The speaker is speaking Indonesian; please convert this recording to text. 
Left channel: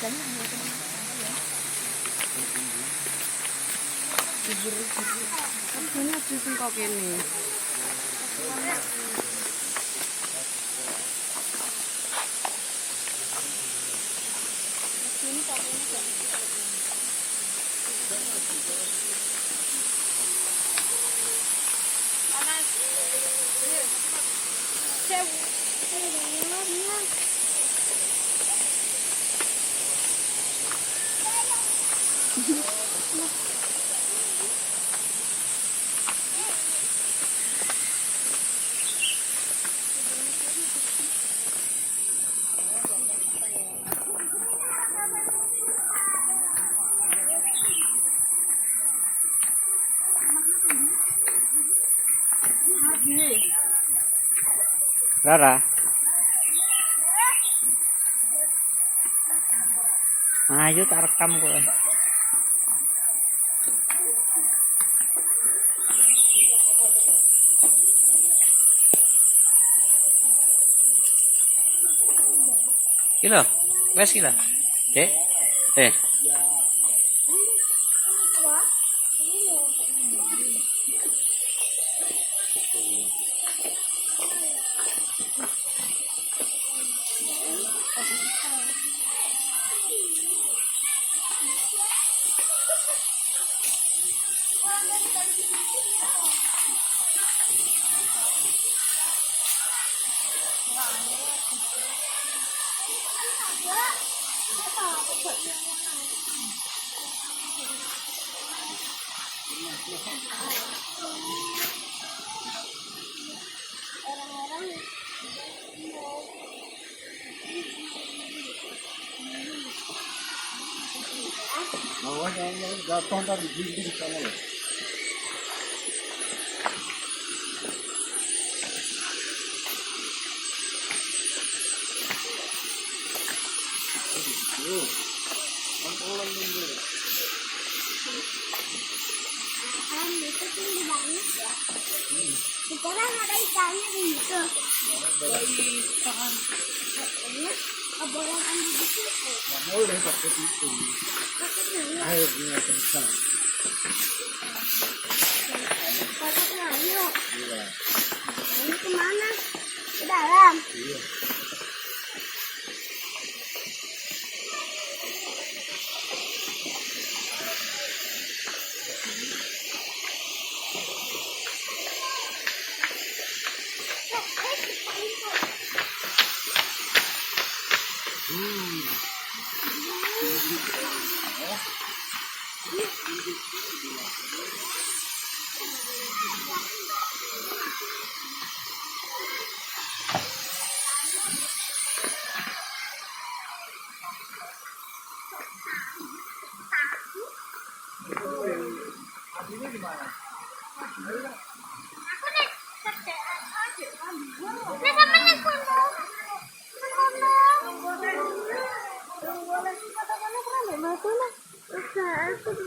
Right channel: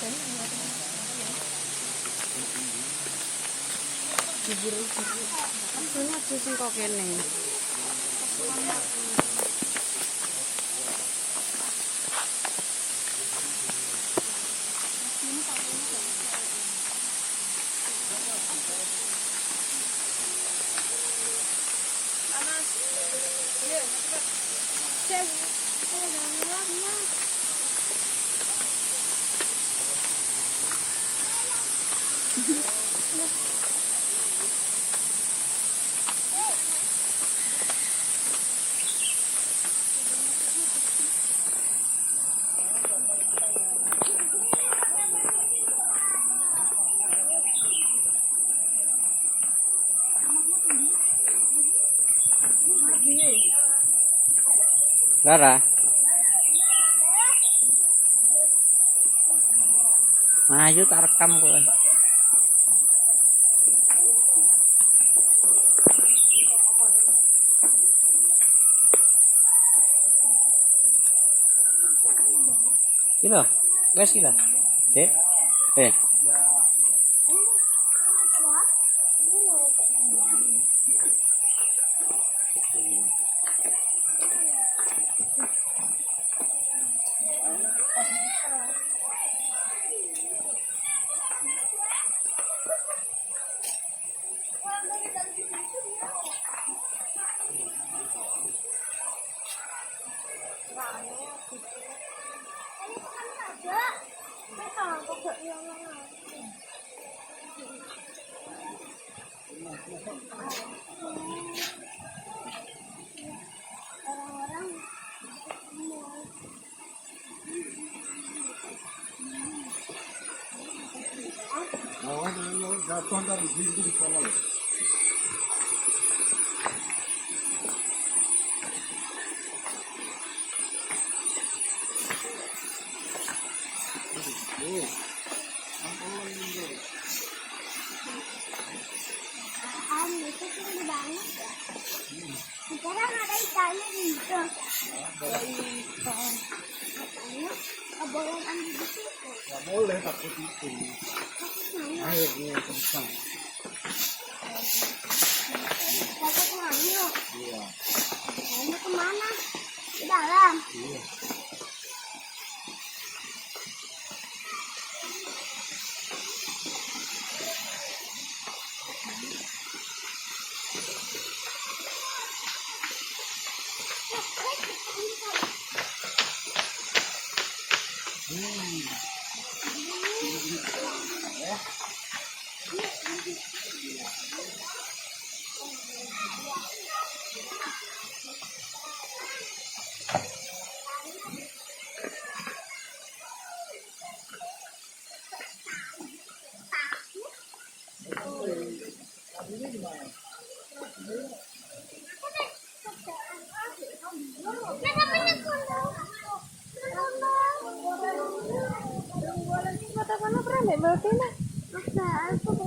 Ini sing kok kene. Rara, ayo tak rekam kowe. Kilo, wes kilo. Eh. Jatuh dari gigi di kamar. Itu tinggi banget ya. Sekarang ada ikannya di situ. Ada ikan. Boleh ambil di situ. Nggak boleh takut itu. Takutnya Ayo dia bisa. takutnya ayo. Iya. Ini kemana? Ke dalam. Iya. Aku nih kerjaan aja. Nah, namanya kondom. Kondom. Boleh foto-foto pernah mbak Batu lah.